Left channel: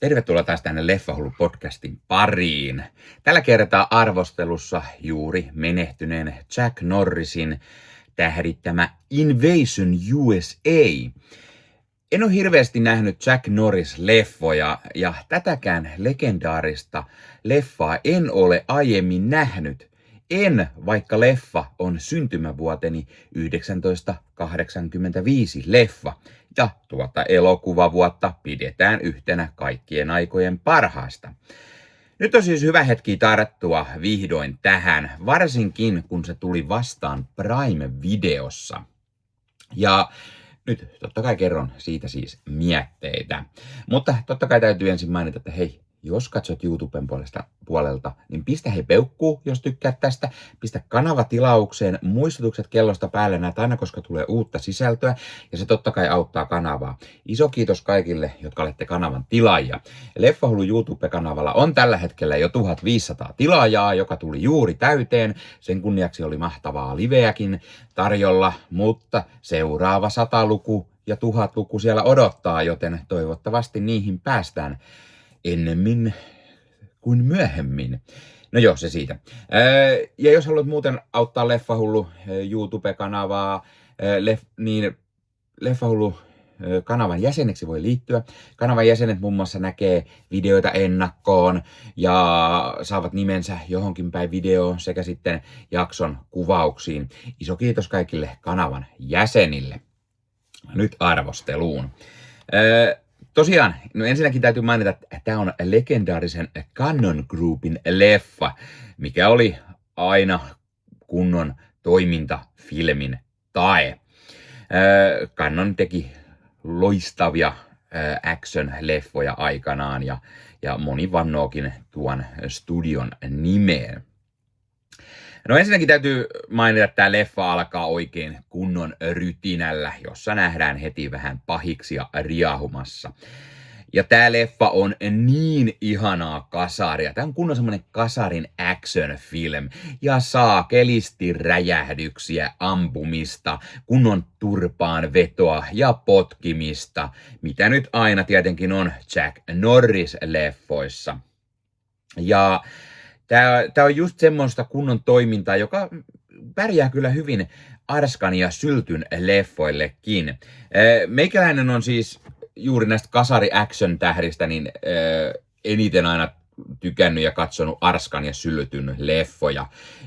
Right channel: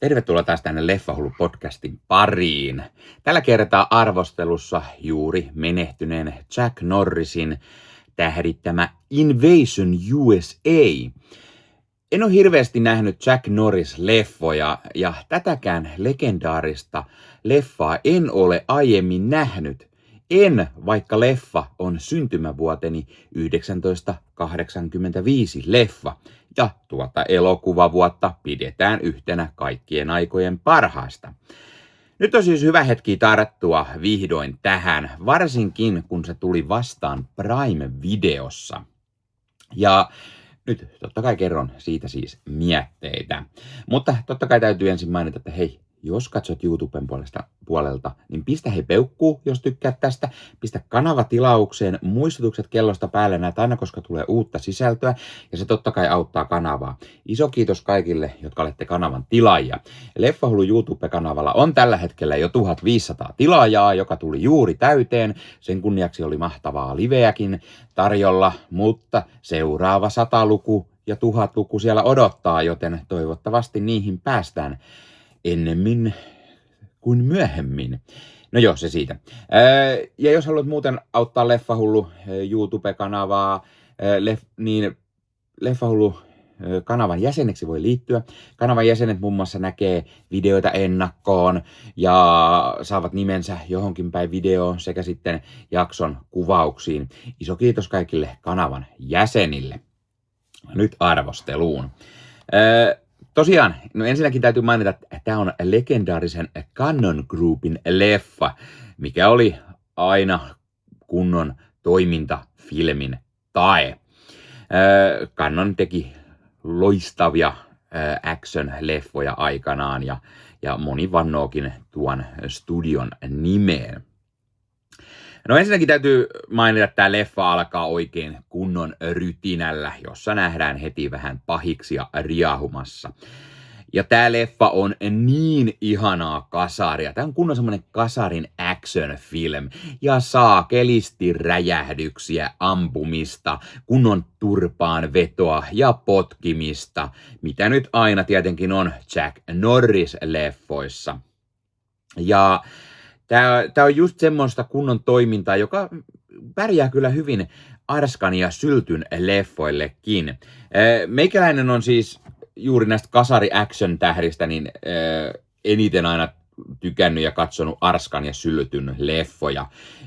Tervetuloa taas tänne Leffahullu-podcastin pariin. Tällä kertaa arvostelussa juuri menehtyneen Chuck Norrisin tähdittämä Invasion USA. En ole hirveästi nähnyt Chuck Norris-leffoja ja tätäkään legendaarista leffaa en ole aiemmin nähnyt. Vaikka leffa on syntymävuoteni 1985 leffa ja tuota elokuvavuotta pidetään yhtenä kaikkien aikojen parhaista. Nyt on siis hyvä hetki tarttua vihdoin tähän, varsinkin kun se tuli vastaan Prime-videossa. Ja nyt totta kai kerron siitä siis mietteitä. Mutta totta kai täytyy ensin mainita, että hei, jos katsot YouTuben puolelta, niin pistä peukkuu, jos tykkäät tästä. Pistä kanava tilaukseen, muistutukset kellosta päälle näet aina, koska tulee uutta sisältöä. Ja se totta kai auttaa kanavaa. Iso kiitos kaikille, jotka olette kanavan tilaajia. Leffahullu YouTube-kanavalla on tällä hetkellä jo 1500 tilaajaa, joka tuli juuri täyteen. Sen kunniaksi oli mahtavaa liveäkin tarjolla, mutta seuraava 100-luku ja 1000-luku siellä odottaa, joten toivottavasti niihin päästään ennemmin kuin myöhemmin. No joo, se siitä. Ja jos haluat muuten auttaa Leffahullu YouTube-kanavaa, niin Leffahullu kanavan jäseneksi voi liittyä. Kanavan jäsenet muun muassa näkee videoita ennakkoon ja saavat nimensä johonkin päin videoon sekä sitten jakson kuvauksiin. Iso kiitos kaikille kanavan jäsenille. Nyt arvosteluun. Tosiaan, no ensinnäkin täytyy mainita, että tämä on legendaarisen Cannon Groupin leffa, mikä oli aina kunnon toimintafilmin tae. Cannon teki loistavia action-leffoja aikanaan ja moni vannookin tuon studion nimeen. No ensinnäkin täytyy mainita, että tämä leffa alkaa oikein kunnon rytinällä, jossa nähdään heti vähän pahiksia riahumassa. Ja tämä leffa on niin ihanaa kasaria. Tämä on kunnon semmoinen kasarin action film. Ja saakelisti räjähdyksiä, ampumista, kunnon turpaan vetoa ja potkimista. Mitä nyt aina tietenkin on Chuck Norris-leffoissa. Ja Tämä on just semmoista kunnon toimintaa, joka pärjää kyllä hyvin Arskan ja Syltyn leffoillekin. Meikäläinen on siis juuri näistä kasari-action-tähdistä niin eniten aina tykännyt ja katsonut Arskan ja Syltyn leffoja.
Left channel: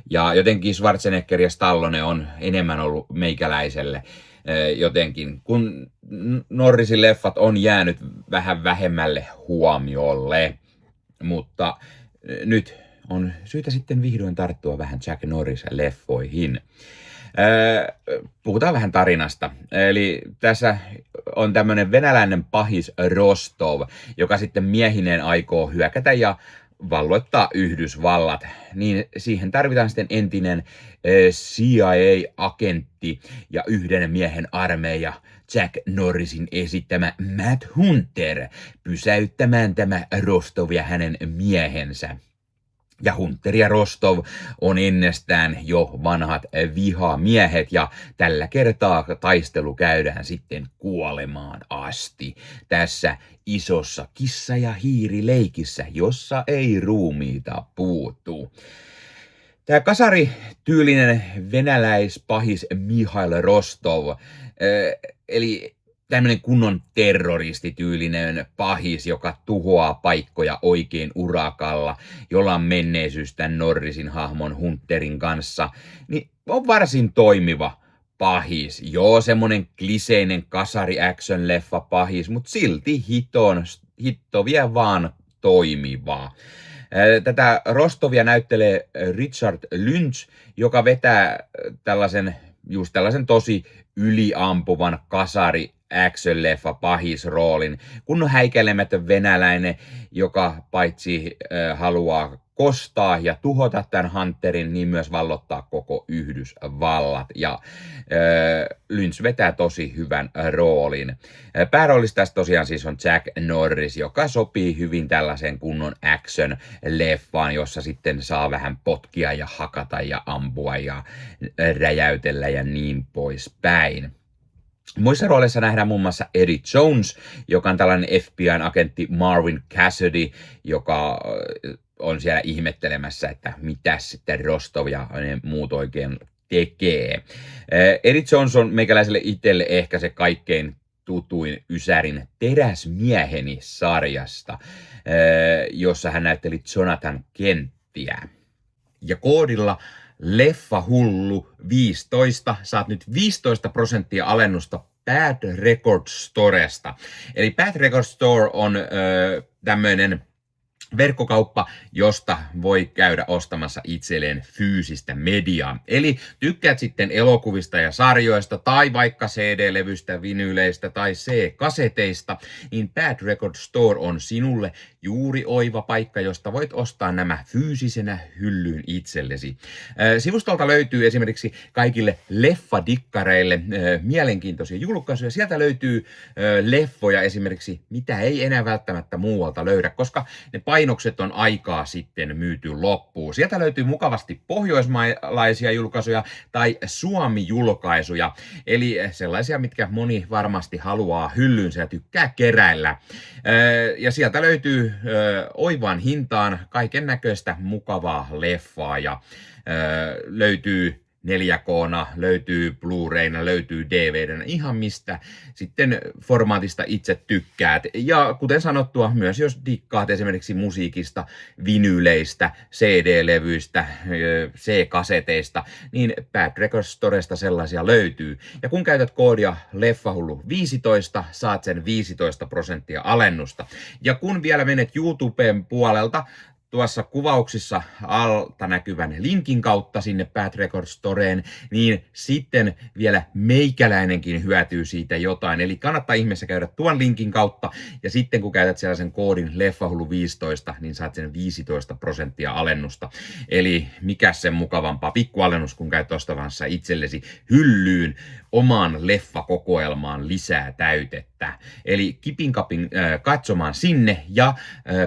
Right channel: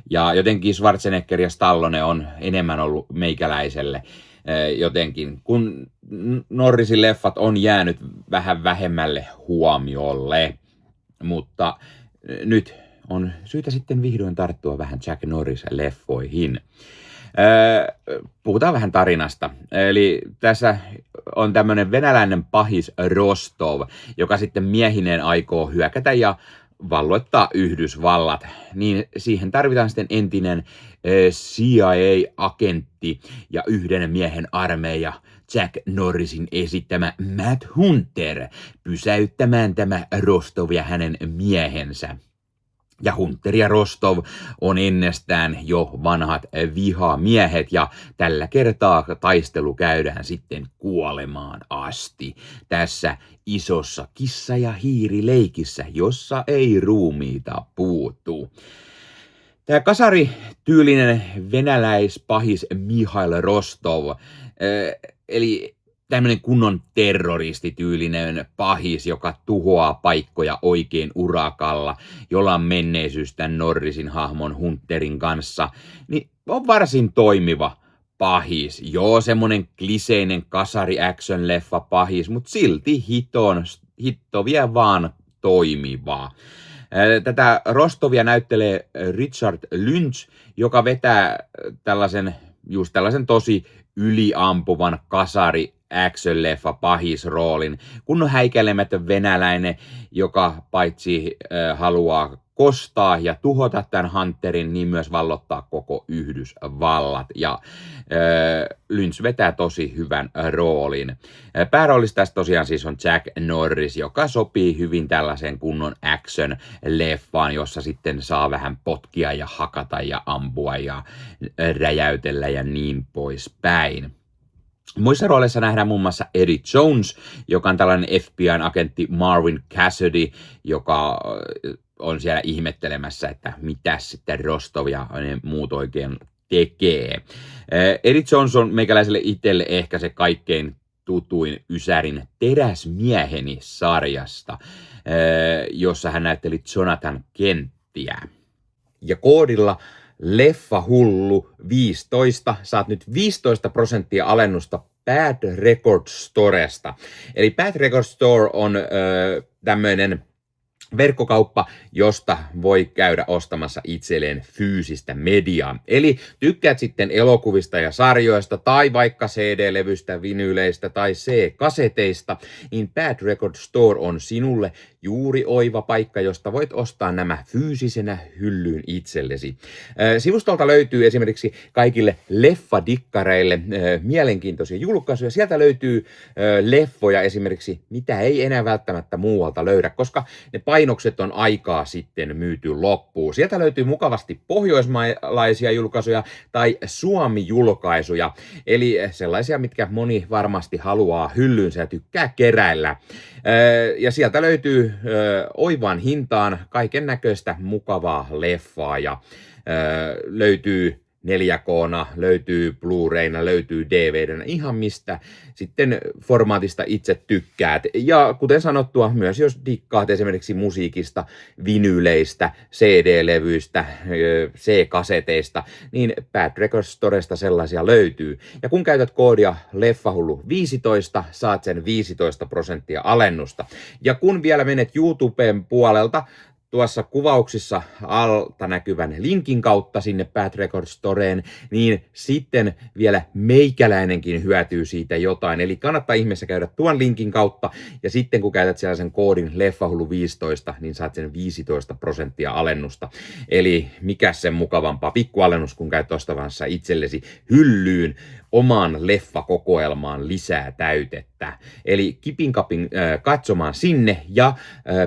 Ja jotenkin Schwarzenegger ja Stallone on enemmän ollut meikäläiselle jotenkin, kun Norrisin leffat on jäänyt vähän vähemmälle huomiolle. Mutta nyt on syytä sitten vihdoin tarttua vähän Chuck Norris-leffoihin. Puhutaan vähän tarinasta. Eli tässä on tämmöinen venäläinen pahis Rostov, joka sitten miehineen aikoo hyökätä ja valloittaa Yhdysvallat. Niin siihen tarvitaan sitten entinen CIA-agentti ja yhden miehen armeija, Chuck Norrisin esittämä Matt Hunter, pysäyttämään tämä Rostov ja hänen miehensä. Ja Hunter ja Rostov on ennestään jo vanhat vihamiehet ja tällä kertaa taistelu käydään sitten kuolemaan asti tässä isossa kissa- ja hiirileikissä, jossa ei ruumiita puutu. Tämä kasarityylinen venäläispahis Mihail Rostov, eli tämmöinen kunnon terroristityylinen pahis, joka tuhoaa paikkoja oikein urakalla, jolla on menneisyys tämän Norrisin hahmon Hunterin kanssa, niin on varsin toimiva pahis. Joo, semmonen kliseinen kasari-action-leffa pahis, mutta silti hitto vie vaan toimivaa. Tätä Rostovia näyttelee Richard Lynch, joka vetää tällaisen tosi yliampuvan kasari action-leffa pahisroolin, kun on häikäilemätön venäläinen, joka paitsi haluaa kostaa ja tuhota tämän Hunterin, niin myös vallottaa koko Yhdysvallat. Ja Lynch vetää tosi hyvän roolin. Pääroolissa tässä tosiaan siis on Chuck Norris, joka sopii hyvin tällaisen kunnon action-leffaan, jossa sitten saa vähän potkia ja hakata ja ampua ja räjäytellä ja niin poispäin. Muissa rooleissa nähdään muun muassa Eddie Jones, joka on tällainen FBI-agentti Marvin Cassidy, joka on siellä ihmettelemässä, että mitä sitten Rostov ja ne muut oikein tekee. Eddie Jones on meikäläiselle itselle ehkä se kaikkein tutuin Ysärin Teräsmieheni sarjasta, jossa hän näytteli Jonathan Kenttiä. Ja koodilla Leffahullu 15 saat nyt 15% alennusta Bad Record Storesta. Eli Bad Record Store on tämmöinen verkkokauppa, josta voi käydä ostamassa itselleen fyysistä mediaa. Eli tykkäät sitten elokuvista ja sarjoista tai vaikka CD-levystä, vinyyleistä tai C-kaseteista, niin Bad Record Store on sinulle juuri oiva paikka, josta voit ostaa nämä fyysisenä hyllyyn itsellesi. Sivustolta löytyy esimerkiksi kaikille leffadikkareille mielenkiintoisia julkaisuja. Sieltä löytyy leffoja esimerkiksi, mitä ei enää välttämättä muualta löydä, koska ne painokset on aikaa sitten myyty loppuun. Sieltä löytyy mukavasti pohjoismaalaisia julkaisuja tai Suomi-julkaisuja, eli sellaisia, mitkä moni varmasti haluaa hyllyynsä ja tykkää keräillä. Ja sieltä löytyy oivaan hintaan kaiken näköistä mukavaa leffaa ja löytyy 4K:na, löytyy Blu-rayna, löytyy DVDnä, ihan mistä sitten formaatista itse tykkäät. Ja kuten sanottua, myös jos dikkaat esimerkiksi musiikista, vinyyleistä, CD-levyistä, C-kaseteista, niin Bad Record Storesta sellaisia löytyy. Ja kun käytät koodia Leffahullu15, saat sen 15% alennusta. Ja kun vielä menet YouTuben puolelta, tuossa kuvauksissa alta näkyvän linkin kautta sinne Bad Record Storeen, niin sitten vielä meikäläinenkin hyötyy siitä jotain. Eli kannattaa ihmeessä käydä tuon linkin kautta, ja sitten kun käytät siellä sen koodin Leffahullu15, niin saat sen 15% alennusta. Eli mikä sen mukavampaa pikkualennus, kun käyt ostavassa itsellesi hyllyyn omaan leffakokoelmaan lisää täytettä. Eli kipin kapin katsomaan sinne, ja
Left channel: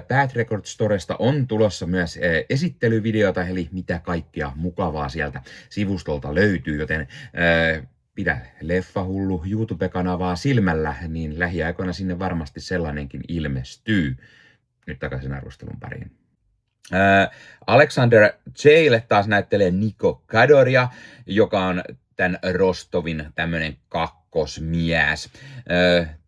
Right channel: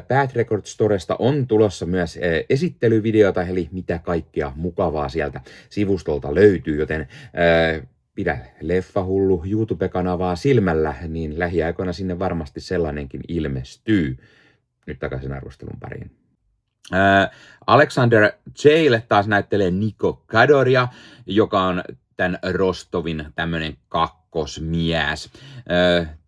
Bad Record Storesta on tulossa myös esittelyvideota, eli mitä kaikkea mukavaa sieltä sivustolta löytyy, joten pidä Leffahullu YouTube-kanavaa silmällä, niin lähiaikoina sinne varmasti sellainenkin ilmestyy. Nyt takaisin arvostelun pariin. Alexander Jail taas näyttelee Niko Kadoria, joka on tämän Rostovin tämmönen kakkosmies.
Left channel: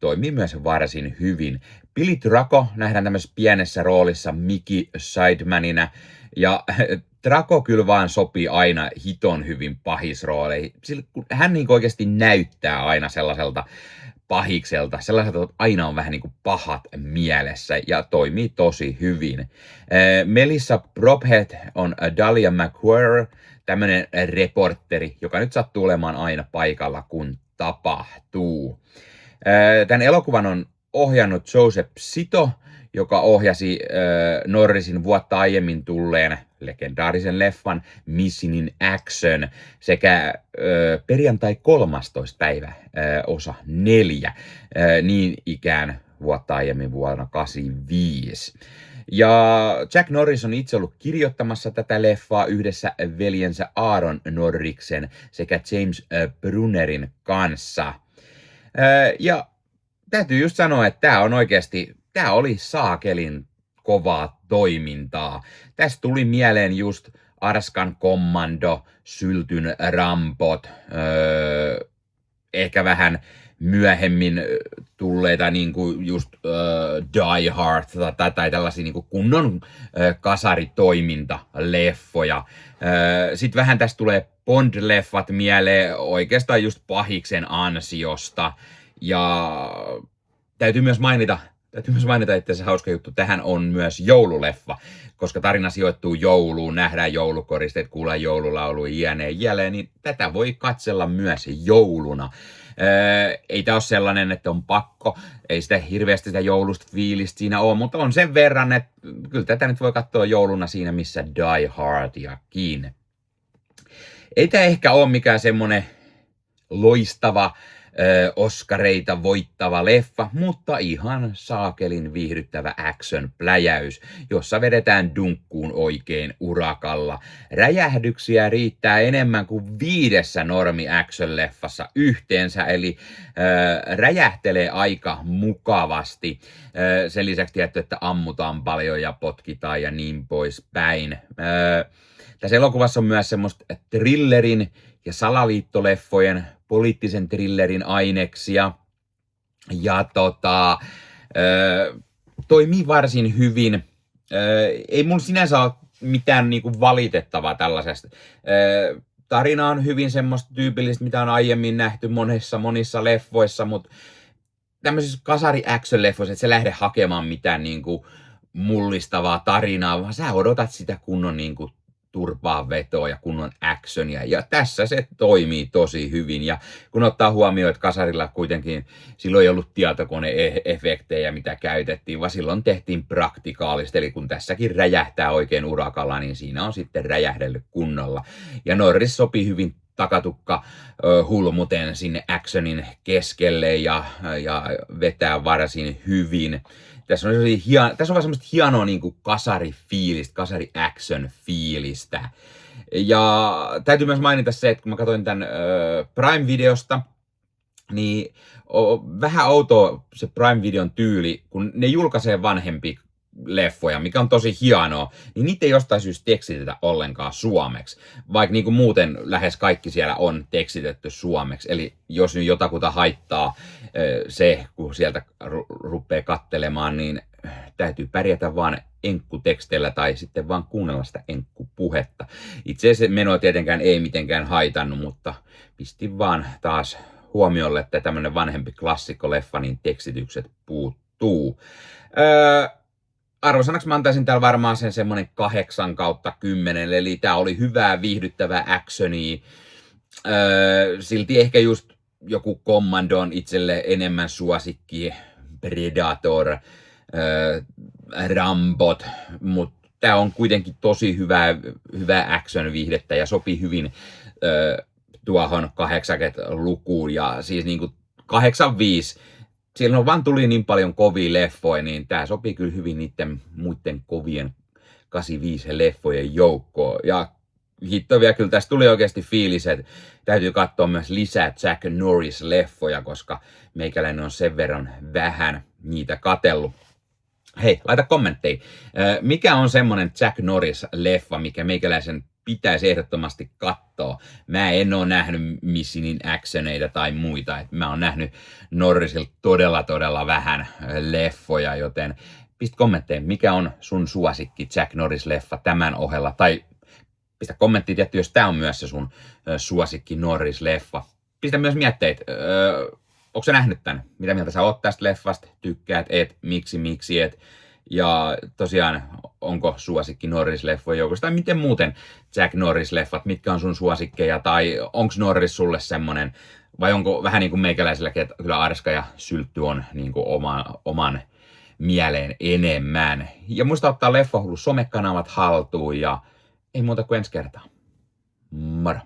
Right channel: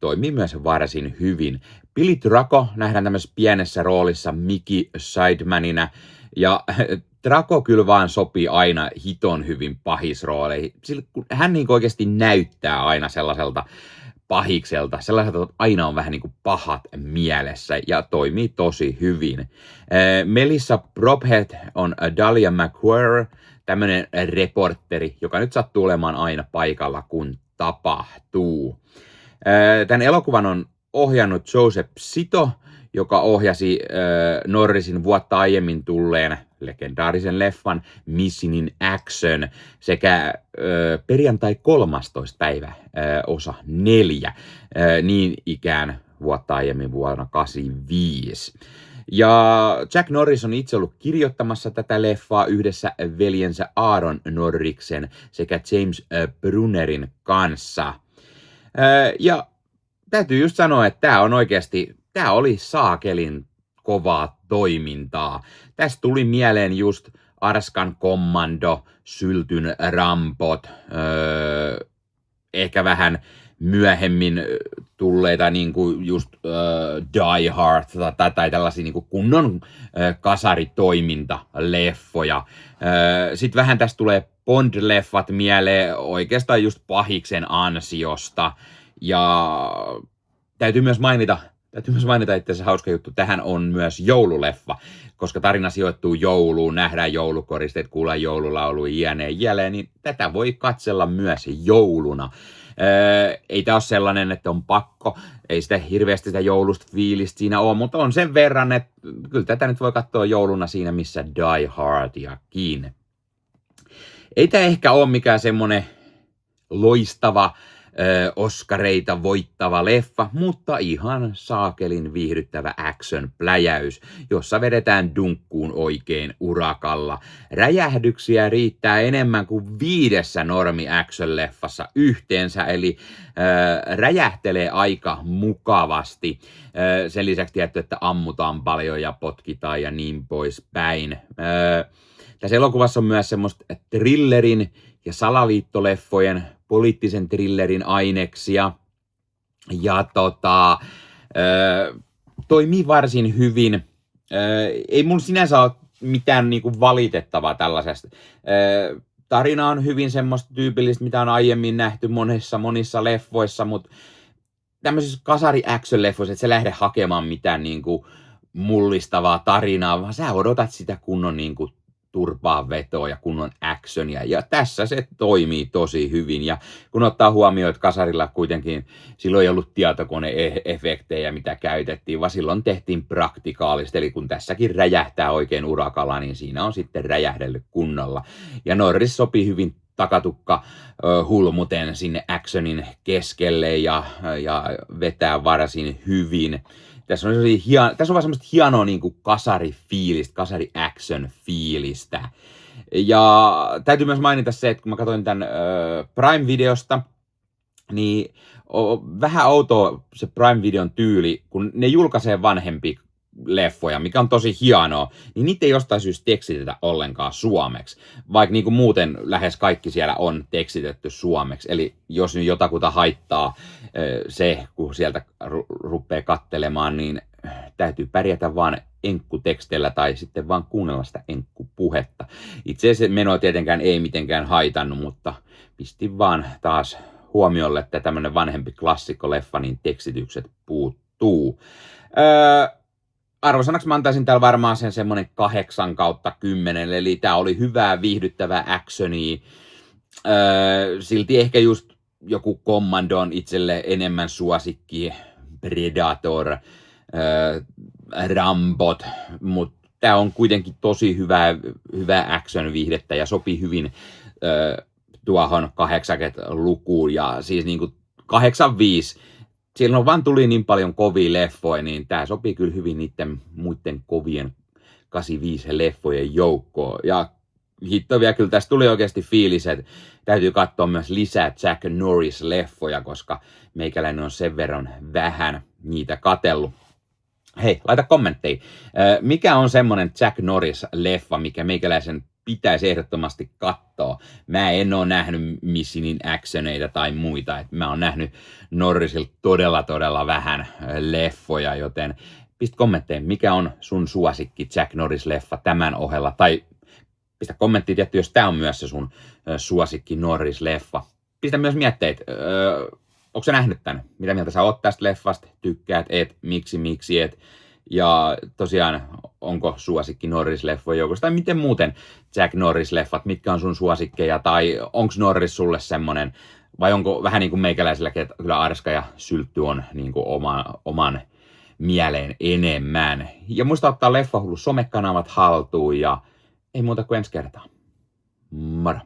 Toimii myös varsin hyvin. Billy Draco nähdään tämmöisessä pienessä roolissa Mickey Sidemanina, ja Draco kyllä vaan sopii aina hiton hyvin pahisrooleihin. Hän niin oikeasti näyttää aina sellaiselta pahikselta, sellaiselta, että aina on vähän niin kuin pahat mielessä, ja toimii tosi hyvin. Melissa Prophet on Dahlia McQuarrie, tämmöinen reporteri, joka nyt sattuu olemaan aina paikalla, kun tapahtuu. Tämän elokuvan on ohjannut Joseph Zito, joka ohjasi Norrisin vuotta aiemmin tulleen legendaarisen leffan Missing in Action sekä perjantai 13. päivä osa 4, niin ikään vuotta aiemmin vuonna 1985. Ja Jack Norris on itse ollut kirjoittamassa tätä leffaa yhdessä veljensä Aaron Norriksen sekä James Brunnerin kanssa. Ja täytyy just sanoa, että tämä oli saakelin kovaa toimintaa. Tästä tuli mieleen just Arskan Kommando, Syltyn Rampot, ehkä vähän myöhemmin tulleita niinku just Die Hard tai tällaisia niinku kunnon kasaritoiminta-leffoja. Sitten vähän tästä tulee Bond-leffat mieleen oikeastaan just pahiksen ansiosta. Ja täytyy myös mainita, että se hauska juttu, tähän on myös joululeffa, koska tarina sijoittuu jouluun, nähdään joulukoristeet, kuullaan joululaulu jälleen, niin tätä voi katsella myös jouluna. Ei tämä ole sellainen, että on pakko, ei sitä hirveästi sitä joulusta fiilistä siinä ole, mutta on sen verran, että kyllä tätä nyt voi katsoa jouluna siinä, missä Die Hardiakin. Ei tämä ehkä ole mikään semmoinen loistava Oscareita voittava leffa, mutta ihan saakelin viihdyttävä action-pläjäys, jossa vedetään dunkkuun oikein urakalla. Räjähdyksiä riittää enemmän kuin 5 normi action-leffassa yhteensä, eli räjähtelee aika mukavasti. Sen lisäksi tietty, että ammutaan paljon ja potkitaan ja niin poispäin. Tässä elokuvassa on myös semmoista thrillerin ja salaliittoleffojen, poliittisen thrillerin aineksia. Ja toimii varsin hyvin. Ei mun sinänsä ole mitään niinku valitettavaa tällaisesta. Tarina on hyvin semmoista tyypillistä, mitä on aiemmin nähty monissa leffoissa, mutta tämmöisissä kasari-action-leffoissa, että sä lähde hakemaan mitään niinku mullistavaa tarinaa, vaan sä odotat sitä kunnon niinku turpaa vetoa ja kunnon actionia. Ja tässä se toimii tosi hyvin. Ja kun ottaa huomioon, että kasarilla kuitenkin silloin ei ollut tietokone-efektejä, mitä käytettiin, vaan silloin tehtiin praktikaalisesti. Eli kun tässäkin räjähtää oikein urakalla, niin siinä on sitten räjähdellyt kunnolla. Ja Norris sopii hyvin takatukka hulmuten sinne actionin keskelle ja vetää varsin hyvin. Tässä on vaan semmoista hienoa niin kuin kasari-fiilistä, kasari-action-fiilistä. Ja täytyy myös mainita se, että kun mä katsoin tämän Prime-videosta, niin on vähän outoa se Prime-videon tyyli, kun ne julkaisee vanhempi leffoja, mikä on tosi hienoa, niin niitä ei jostain syystä tekstitetä ollenkaan suomeksi, vaikka niin kuin muuten lähes kaikki siellä on tekstitetty suomeksi. Eli jos nyt jotakuta haittaa se, kun sieltä rupeaa kattelemaan, niin täytyy pärjätä vaan enkkuteksteillä tai sitten vaan kuunnella sitä enkkupuhetta. Itse asiassa menoa tietenkään ei mitenkään haitannut, mutta pistin vaan taas huomiolle, että tämmönen vanhempi klassikkoleffa, niin tekstitykset puuttuu. Arvosanaksi mä antaisin täällä varmaan sen semmonen 8/10, eli tää oli hyvää viihdyttävää actionia. Silti ehkä just joku Commando on itselle enemmän suosikki, Predator, Rambot, mutta tää on kuitenkin tosi hyvää action-viihdettä ja sopii hyvin tuohon 80-lukuun ja siis niinku 85. Silloin vaan tuli niin paljon kovia leffoja, niin tää sopii kyllä hyvin niiden muiden kovien 85-leffojen joukkoon. Ja hitto vielä kyllä tästä tuli oikeasti fiilis, että täytyy katsoa myös lisää Jack Norris-leffoja, koska meikäläinen on sen verran vähän niitä katsellut. Hei, laita kommentteja. Mikä on semmonen Jack Norris-leffa, mikä meikäläisen pitäisi ehdottomasti katsoa? Mä en oo nähnyt Missionin actioneita tai muita. Mä oon nähnyt Norrisilta todella vähän leffoja, joten pistä kommentteja, mikä on sun suosikki Jack Norris-leffa tämän ohella. Tai pistä kommenttia tietty, jos tää on myös se sun suosikki Norris-leffa. Pistä myös mietteitä. Onko sä nähnyt tän? Mitä mieltä sä oot tästä leffasta? Tykkäät, et, miksi et? Ja tosiaan, onko suosikki Norris-leffojen joukossa? Tai miten muuten Jack Norris-leffat? Mitkä on sun suosikkeja? Tai onko Norris sulle semmonen? Vai onko vähän niin kuin meikäläisilläkin, että kyllä Arska ja Syltty on niin kuin oman mieleen enemmän. Ja muista ottaa Leffahullu somekanavat haltuun ja ei muuta kuin ensi kertaa. Moro!